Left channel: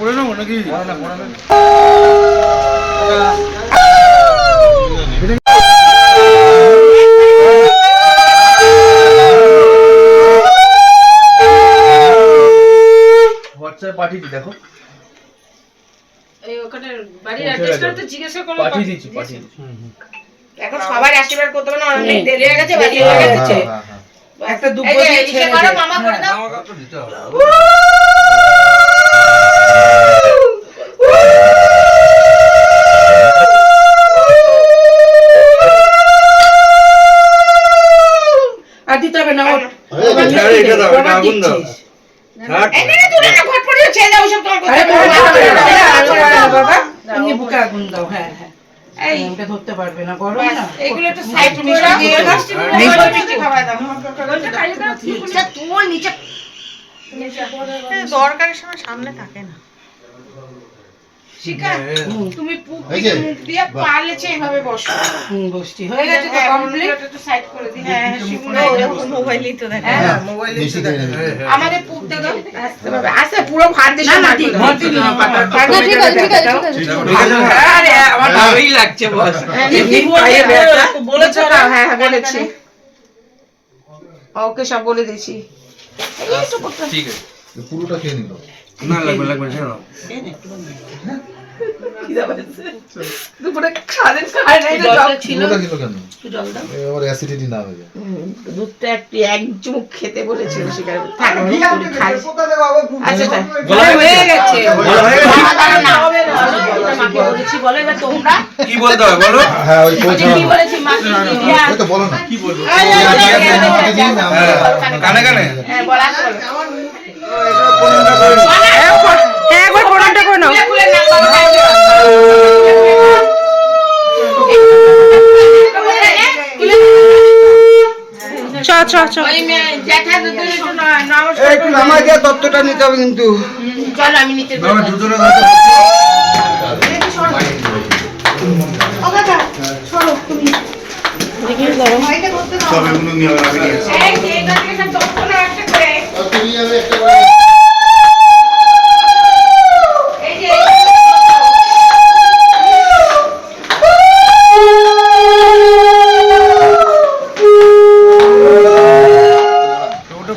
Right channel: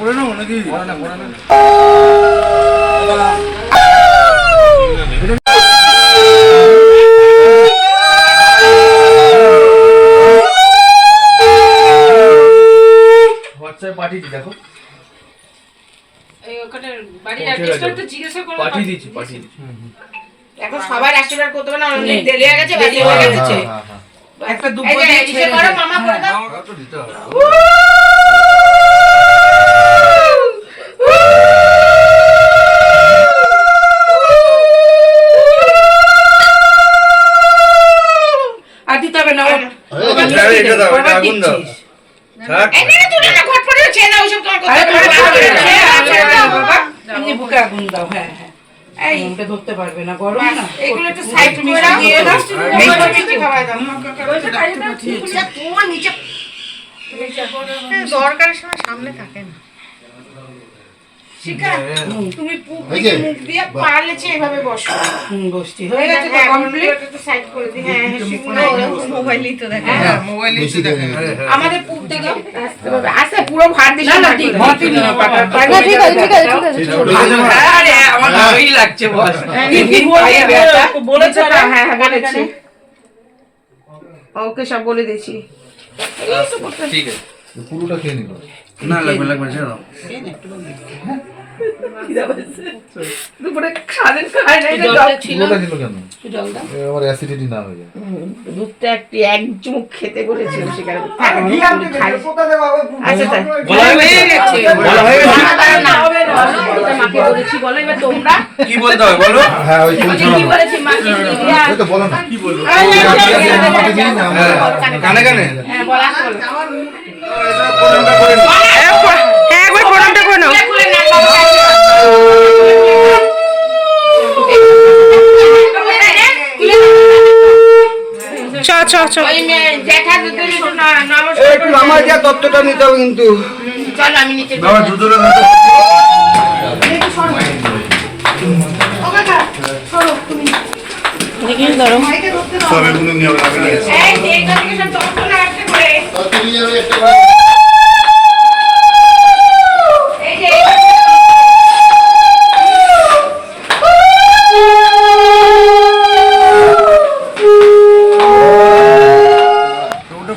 করে নেব নাকি? হোয়াটসঅ্যাপ পাঠিয়েছি দেখো। ওখানে বাড়ির অ্যাড্রেসটা একটু জিজ্ঞাসা করলে পাঠিয়ে দিচ্ছি পাঠিয়ে দিচ্ছি এখন সবার আশীর্বাদ করতে হবে না দেরি হয়ে গেছে বাকি হয়ে গেছে। একটা দুব্বো এই যে, দিয়ে ছেড়ে করো, মামা করে দাও। আর দিতে হবে না ওর দাও দাও। দাও আরে করতে বাবা, হবে দাও, আগুন দাও হ্যাঁ হ্যাঁ। এই ওটা ধরতে পারবে না গরম না এগুলো একটু সাইড করে দাও দিয়ে দাও। মিষ্টি মিষ্টি খাওয়া দাও তোমার নিচে দরকারের সময় সামনে থাকে না তুমি পু- এই যে, মুখ দিয়ে পারলেছে এভাবে বসো। বসছি। হয়ে গেছে তো হ্যাঁ, কমপ্লিট একটু সাইড করে দিই। হ্যাঁ হ্যাঁ মোবাইলই তো দেখে হ্যাঁ বেশি দেখে নেবে। আমাদের পুরতে দাও। আসে পুরো ভাত না না ঠিক আছে ঠিক আছে ঠিক আছে ঠিক আছে ঠিক আছে আরে আমার ভালোই লাগছে বস। খাইয়ে বেটা বলেছ না? হ্যাঁ হ্যাঁ বলেছি। ওকে সব বলে তো করতে- ঠিক আছে। পুরোটা খেয়ে নিল। না লাগবে লাগবে দাও দুপুরে খাওয়ার খাই নাই জল ছিল পুরোটা খেলো কেন জল দাও এ অ্যাসিডিটি না হয়ে যায় দুধটা একটু এক চুমুক খেতে বলেছিল সেখানে থাক, আমি খাই আচ্ছা তাই বলা হয়ে গেছে বলা হয়ে গেছে? দাঁড়া, দাঁড়া, না। বলো, এটা মাকে বলেছি বলো এবার তোমরা কি বলতে হবে বলো হ্যাঁ ওই ওই কি বলেছি মাকে দিদিয়া তো বলো না কি বলব হ্যাঁ, কানে কানে হ্যাঁ, বলো, বলো। হ্যাঁ একবার প্রণামটা করে নাও খুলে খুলে নাক বাবা কাটিয়ে একটু নমস্কার একটু মামা যা তত্ত্বটা নিতে হবে কিন্তু। চলো আমি দেখি ধরো। সব এগুলো নিয়ে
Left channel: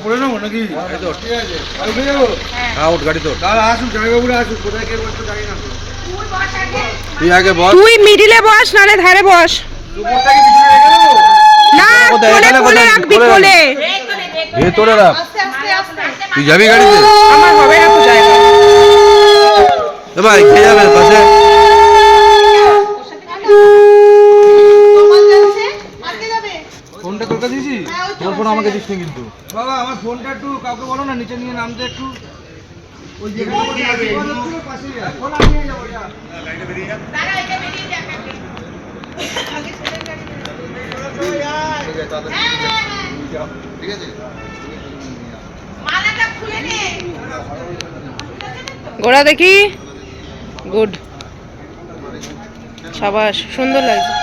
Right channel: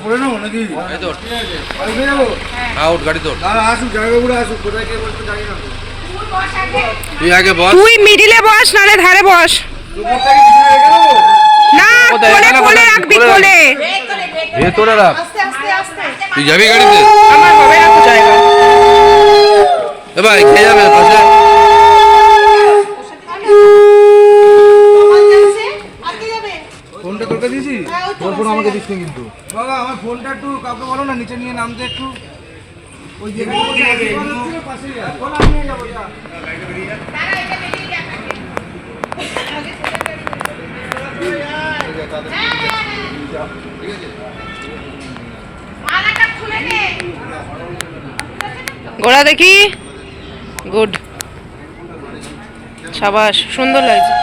পড়ে নেব নাকি? আউট গাড়ি তো দাঁড়া আসুক জামাইবাবুরা আসুক কোথায় কে বলছে জানি না তুই আগে তুই তুই মিডিলে বস নালে ধারে বস। না কোলে কোলে রাখবি কোলে। ভেতরে রাখ। তুই যাবি গাড়িতে? আমার হবে না তো জায়গা। এ ভাই কে যাবে পাশে ফোনটা তোকে দিয়েছি দিস কিন্তু। বাবা আমার ফোনটা একটু কাউকে বলো না নিচে নিয়ে নামতে একটু। ওই নে গোড়া দেখি? গুড। সাবাস সুন্দর লাগছে।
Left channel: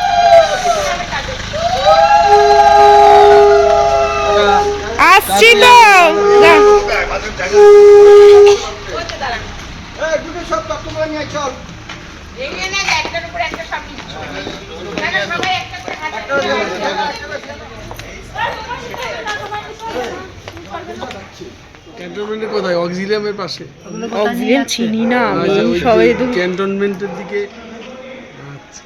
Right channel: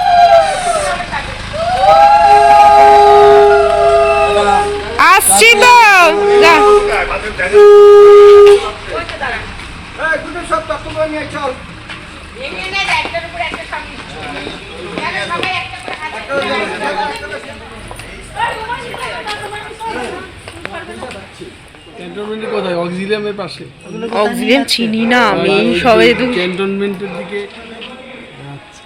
আসছি তো দুটো সবাই ক্যান্টনমেন্টে কোথায়? অক্সিলিয়ামের পাশে। অক্সিজেন চিনি না আমি সবে তো ক্যান্টনমেন্টের দিকে আচ্ছা।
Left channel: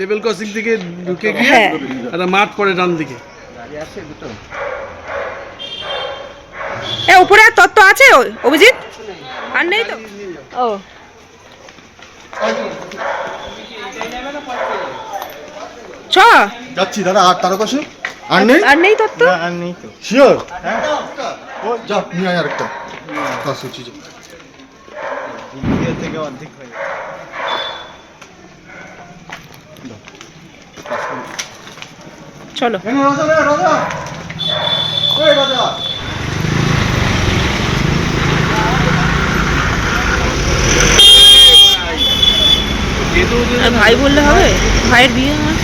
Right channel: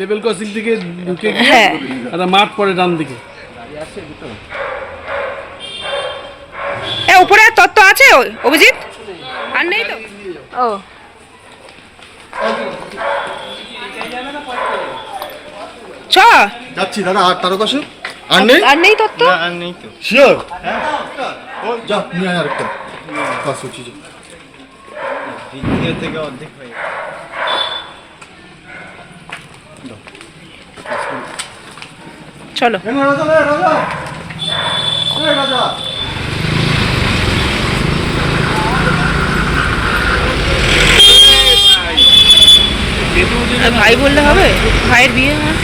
লেভেল ক্রসিং থেকে ঢুকে হ্যাঁ। একটা মাঠ পড়ে ডান দিকে। এ উপরে আর তত্ত্ব আছে? ও- অভিজিৎ? আর নেই তো? ও। চ যাচ্ছি দাদা আর তারকাশে? আর নেই? আর নেই তত্ত্ব? শিওর ও যা নিয়ে আয় আরেকটা। কাজ হচ্ছে যে। চলো। কেন রাজা রাজা। রাজা। আর ভাই বললে হবে? ভাইয়ের বিয়ে আমার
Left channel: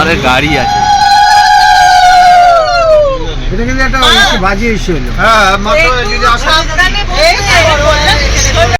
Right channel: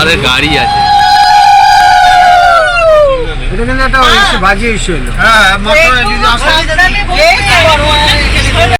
আরে গাড়ি আছে। এটা কিন্তু একটা বাজি হ্যাঁ হ্যাঁ যদি আসা।